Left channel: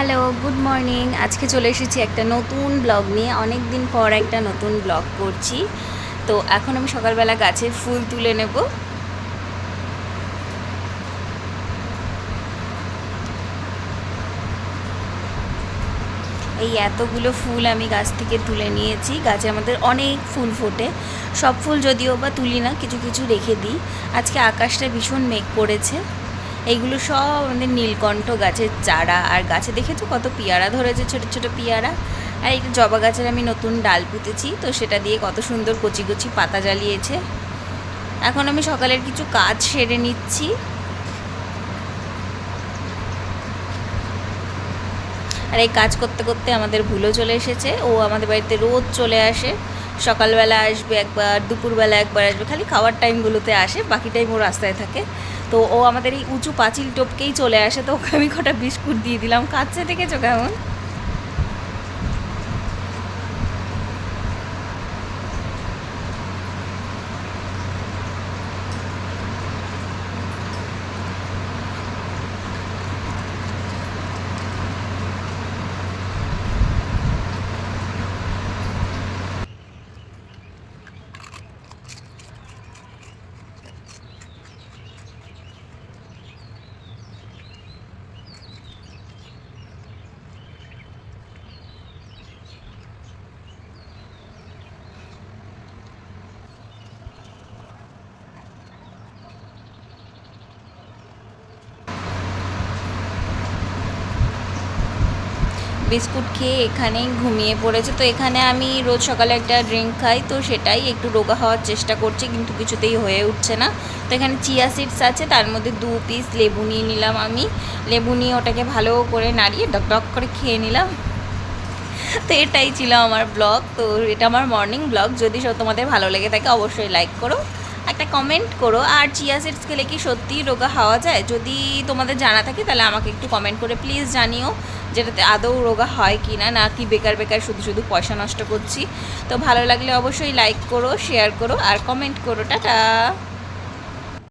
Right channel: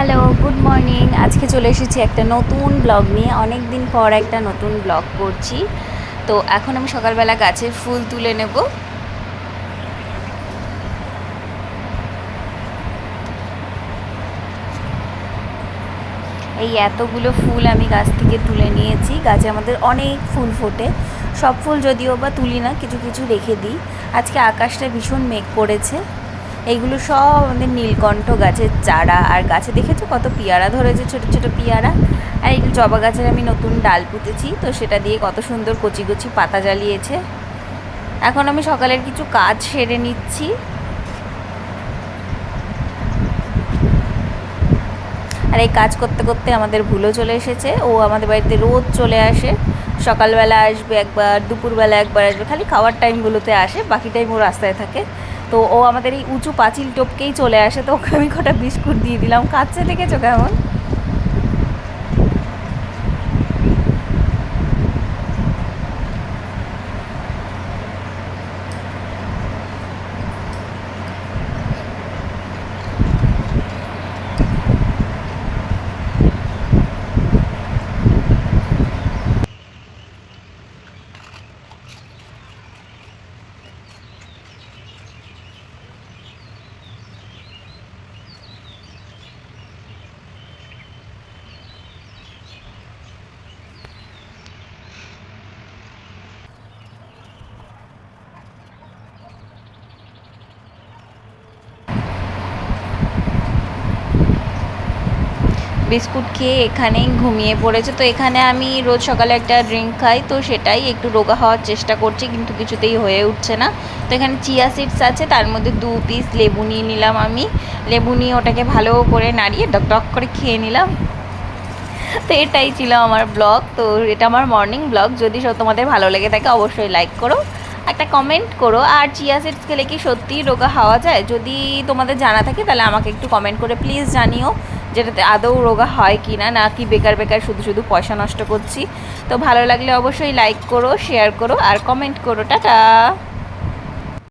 Hello, good morning. আজকে চলে এসেছি একটা নতুন ব্লগ নিয়ে। অনেক দিন পর একটা নতুন ব্লগ করছি। তো এখন আমি সকালবেলা গাছের ফুল তুলে নেব। এই এতগুলো ফুল আমি গাছ থেকে তুলে নিয়েছি। গাছে আমাদের অনেক ফুল ফোটে। সব ফুল যদিও বা তুলি না, কিছু কিছু রেখে দিই। আজকে আকাশটা ভীষণ মেঘ করেছে। এইগুলো সব আমাদের নীলকণ্ঠ গাছের চারা। আর গাছে দেখেছো কত পেয়ারা ধরেছে, ছোট ছোট পেয়ারা। আর এই জবা গাছের আমি নতুন ডাল পুঁতেছি, তো সেটা দিয়ে কত সুন্দর কচি কচি পাতা জ্বালিয়েছে। এখন আমি সকালের কিছু কাজ সেরে নিচ্ছি। আর এই কাজ করতে করতে আমাদের ভুলও চলে এসেছে। ও আমাদের বাড়িতে রোজ চলে আসে। সকালবেলা আসবে একবার, দুপুরবেলা একবার আসবে, খালি খাওয়ার টাইমগুলোতে আসে, বাকি টাইম ও রাস্তায় থাকে। তো ও আমাদের এই উঁচু পাঁচিল টপকেই চলে আসে। তো ওকে আমি কটা বিস্কুট দিয়ে দিলাম, খাচ্ছে, দেখেছো কেমন। বিস্কুট খেয়ে এখানেই ঘুমিয়ে পড়েছে। তো এখানে আমি রোজ সকালে একটা ড্রিঙ্ক খাই, তো সেটাই একটু রোগা হওয়ার চেষ্টা করছি, কিন্তু কিছুতেই হয়ে উঠছে না। তো এখানে চিয়া সিডস আছে, তার মধ্যে 2 পিস লেবু নিয়ে নিলাম আমি। লেবু নিয়ে ওটাকে ভালো করে নাড়িয়ে ডক ডক করে খেয়ে নিলাম। তো এটাই ছিল আমার ব্লগ। তো এটা আমার মর্নিং ব্লগ। যদি তোমাদের ভালো লেগে থাকে অবশ্যই লাইক করো, একটা কমেন্ট করো। আর চিয়া সিডস খেলে কি সত্যিই রোগা হওয়া যায়? যদি তোমাদের জানা থাকে তাহলে আমাকে একটু কমেন্ট করে প্লিজ জানিও, যেটাতে আদৌ রোগা হয় কি না, নাকি বেকার বেকার শুধু শুধু পয়সা নষ্ট করছি। তো ভালো লাগলে অবশ্যই লাইক করো, শেয়ার করো আর কমেন্ট করো। টাটা।